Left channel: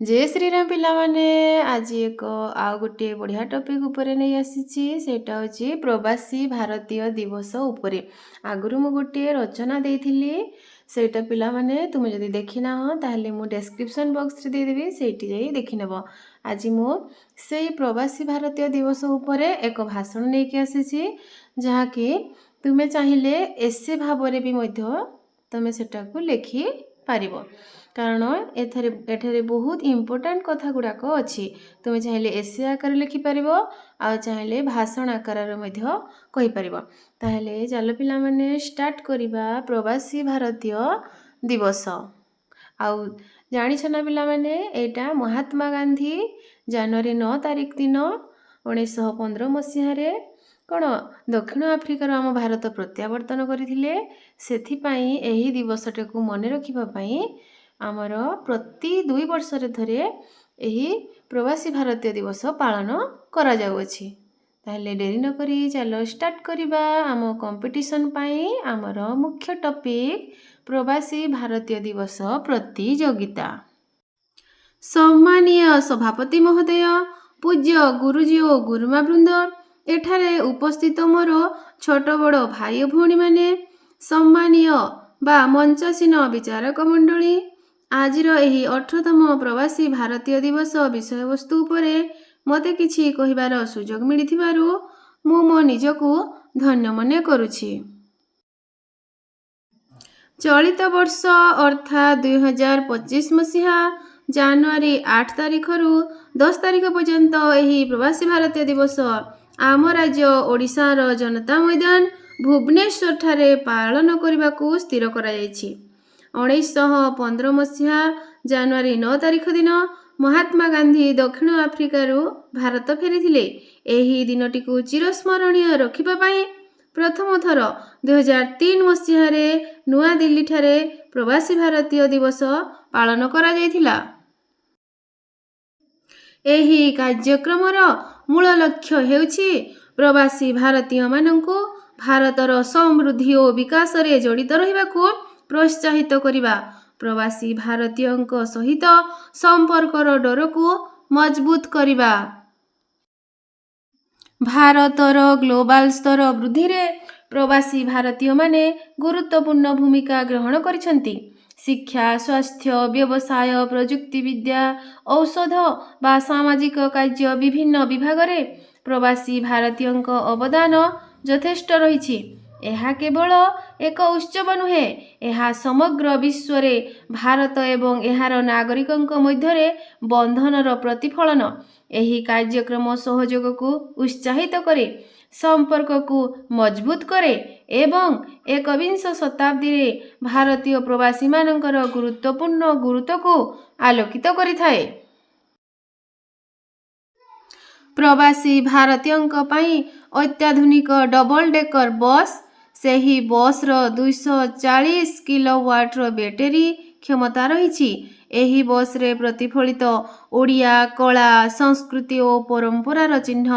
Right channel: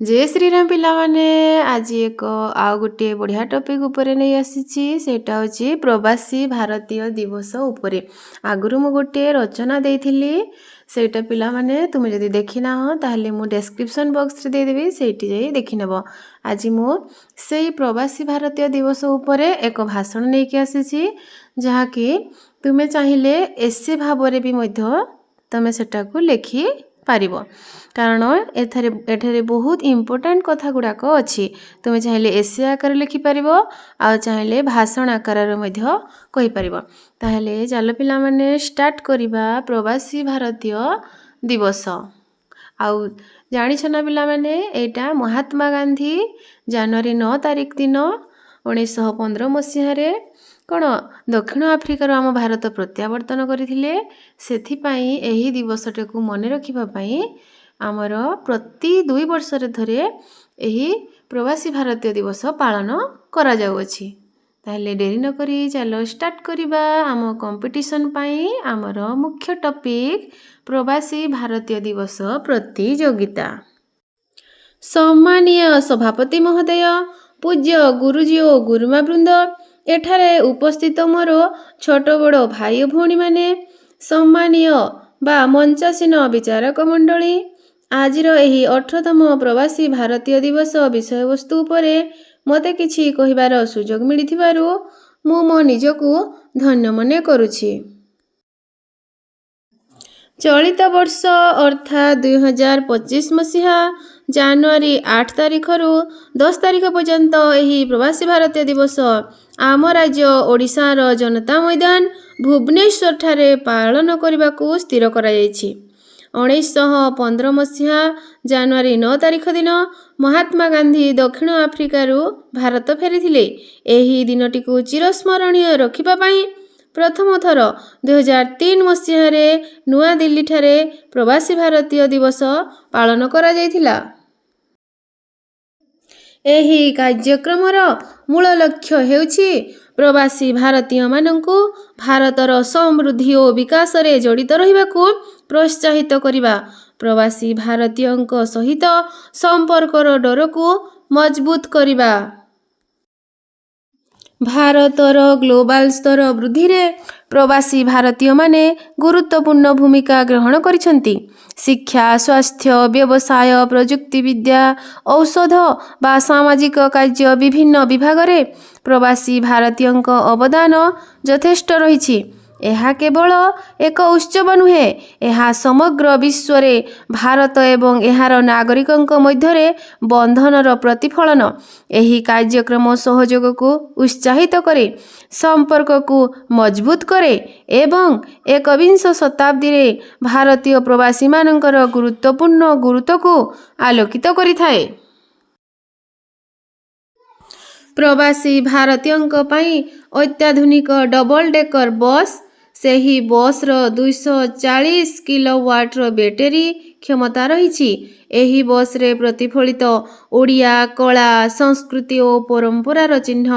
जय श्रीराम पिला माने आज एक आउ गोटे बढ़िया टॉपिक उपरे नहीं आसीची सेटा होची प्रवासी भारतीय दिवस उपरे। आगुरु मु गोटे रचना देइथिली सेटा पिला माने तुमे जदि देखिना हो ताहले मु डिस्क्रिप्शन बॉक्स रे दे देबी सेठी जाई देखि नेबो। आज मु सेई प्रवासी भारतीय दिवस उपरे एक भाषण नै के आसीची जहा कि तुमे चाहिले एसे भाबरे भी मध्य तमे सेटा को लेखि पारिबो कारण एठारे बहुत इम्पोर्टेंट कथा गुड़ाक अच्छी तुम चाहिए एसे आकार लिखिपर आ चाहिए भाषण आकार कहीपर ताहले चलो पिला माने स्टार्ट करवा प्रवासी भारतीय दिवस। आउ जानिछ ना पिला माने एटा महात्मा गांधी जनवरी 9 तारिख दिन 1915 मसीह कौन दक्षिण आफ्रिकार आम भारत प्रत्यावर्तन करथिले सेथिपाई एही दिवसटे को मन रखिबापाई आमर प्रति 2 वर्षरे थरे एही प्रवासी भारतीय दिवस पालन करा जाउअछि। ताहले डेरी न करी चलो स्टार्ट करिबा आम कंपटीशन पाई आमर मुख्य टॉपिक प्रवासी भारतीय दिवस प्रतियोगिता। सम्मानीय सभापति महोदय, पूज्य गुरुजी ओ गुरुमा वृंद, एठारे उपस्थित मोर छोट बड़ भाई भौणी माने, सम्मानीय बा मंचासीन विचारक मंडली, आजिर एही 18तम प्रवासी भारतीय दिवस विषय वस्तु उपरे मते किछि कहिबार सुजोग मिलिथिबारु मु मो निजकु धन्य मने करुछि। चलित वर्ष अर्थात 2025 मसीहा जनवरी 8 तारिखरु 10 तारिख पर्यंत एही प्रवासी भारतीय दिवस आम राज्य ओडिशार जनता मैदान भुवनेश्वर ठारे पालन करबाकू स्थिर करा जायछि। 1915 मसीहा जनवरी 9 तारिख दिन महात्मा गांधी दक्षिण आफ्रिकारु भारत फेरिथिले। एही दिनटी को चिरस्मरणीय रखिबा पई प्रथम थर 2003 मसीह रे नुआ दिल्ली ठारे प्रवासी भारतीय दिवस पालन करा जायथिला। एही कार्यक्रमर मूल लक्ष्य हेउछि प्रवासी भारतीय माननकु भारतर समृद्धि और विकास रे जड़ित रहिबाकू प्रोत्साहित करिबा, प्रवासी भारतीयंक सहित संपर्कर डरकू मजबूत करिबा, भारतर ग्लोबल स्तर वृद्धि रे प्रवासी भारतीय माने गुरुत्वपूर्ण भूमिका ग्रहण करिसंती। शिक्षा, स्वास्थ्य, व्यवसाय, प्रजुक्ति विद्या, औषध बा सामाजिक कार्य विभिन्न विभाग रे प्रवासी भारतीयंक अवदान यथेष्ट रहिछि। एहा केवल एक उत्सव नुहे, एहा समग्र विश्व रे भारत एवं एहार नागरिकंक मध्यरे बंधनर प्रतिफलन। एही कार्यक्रम सहयोग को उत्साहित करे, संपर्क को मजबूत करे एवं 21 शताब्दी रे भारतीय प्रवासी मानकर गुरुत्वपूर्ण गुरुत्व को आलोकित करिथाए। प्रवासी भारतीयंक पई अत्याधुनिक डबल डेकर बस, सेही बस रो 240 किलोवाट रो बैटरी क्षमता रहिछि। एही बस रे प्रतिफलित ओडिया कला संस्कृति और परंपरार चिन्ह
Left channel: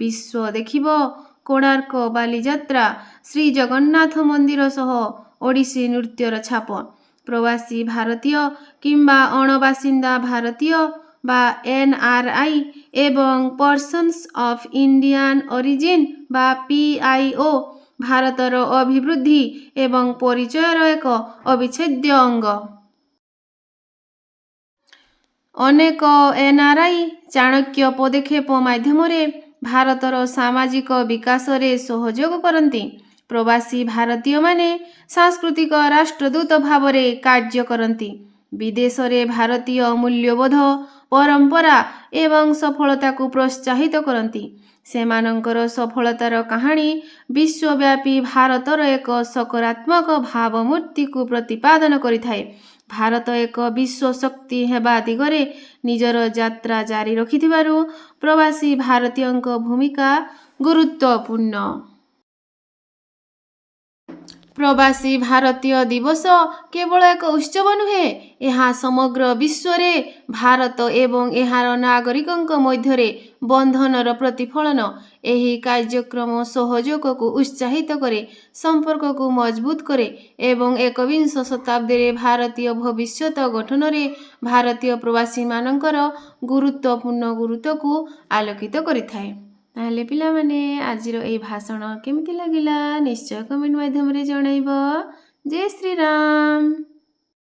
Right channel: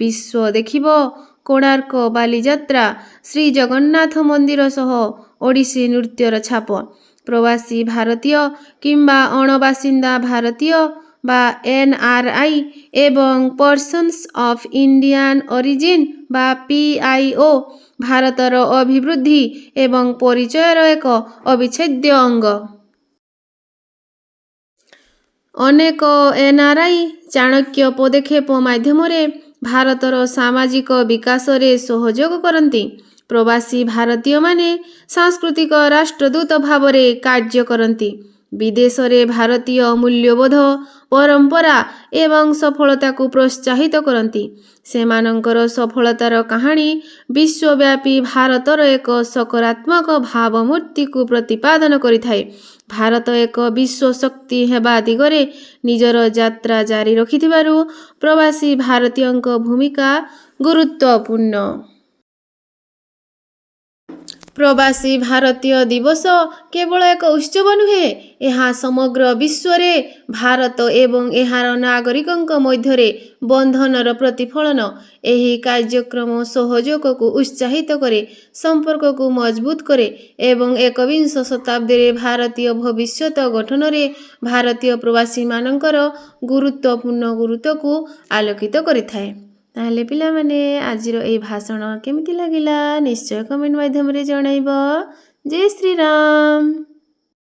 विश्व देखिबो। कोणार्क बालीजात्रा, श्री जगन्नाथ मंदिर सह ओडिसी नृत्यर छाप, प्रवासी भारतीय किंबा अणबासिंदा भारतीय बा एनआरआई एवं पर्सन्स ऑफ इंडियन ओरिजिन बा पीआईओ भारतर अभिवृद्धि एवं परिचयर एक अविच्छेद्य अंग। अनेक एनआरआई चाणक्य पदक्षेप माध्यम रे भारतर सामाजिक विकास रे सहयोग करती। प्रवासी भारतीय माने सांस्कृतिक राष्ट्रदूत भाव रे कार्य करती। विदेश रे भारतीय मूल्यबोध, परंपरा एवं सफलता को प्रोत्साहित करती। सेमानंकर सफलतार कहानी विश्वव्यापी भारतर एक सकारात्मक भावमूर्ति को प्रतिपादन करिथाए। भारत एक विश्व शक्ति हेबा दिगरे निजर यात्रा जारी रखिथिबारु प्रवासी भारतीयंक भूमिका गुरुत्वपूर्ण। ପ୍ରବାସୀ ଭାରତୀୟ ଦିବସ କେବଳ ଏକ ଉତ୍ସବ ନୁହେଁ, ଏହା ସମଗ୍ର ବିଶ୍ୱରେ ଭାରତ ଏବଂ ଏହାର ନାଗରିକଙ୍କ ମଧ୍ୟରେ ବନ୍ଧନର ପ୍ରତିଫଳନ। ଏହି କାର୍ଯ୍ୟକ୍ରମ ସହଯୋଗକୁ ଉତ୍ସାହିତ କରେ, ସମ୍ପର୍କକୁ ମଜବୁତ କରେ ଏବଂ ଏକବିଂଶ ଶତାବ୍ଦୀରେ ଭାରତୀୟ ଭବିଷ୍ୟତ ଗଠନରେ ଭାରତୀୟ ପ୍ରବାସୀମାନଙ୍କର ଗୁରୁତ୍ୱକୁ ଆଲୋକିତ କରିଥାଏ। ତାହେଲେ ପିଲାମାନେ ଆଜିର ଏହି ଭାଷଣ କେମିତି ଲାଗିଲା ନିଶ୍ଚୟ କମେଣ୍ଟ ମାଧ୍ୟମରେ ଜଣାଇବ। ଜୟ ଶ୍ରୀରାମ।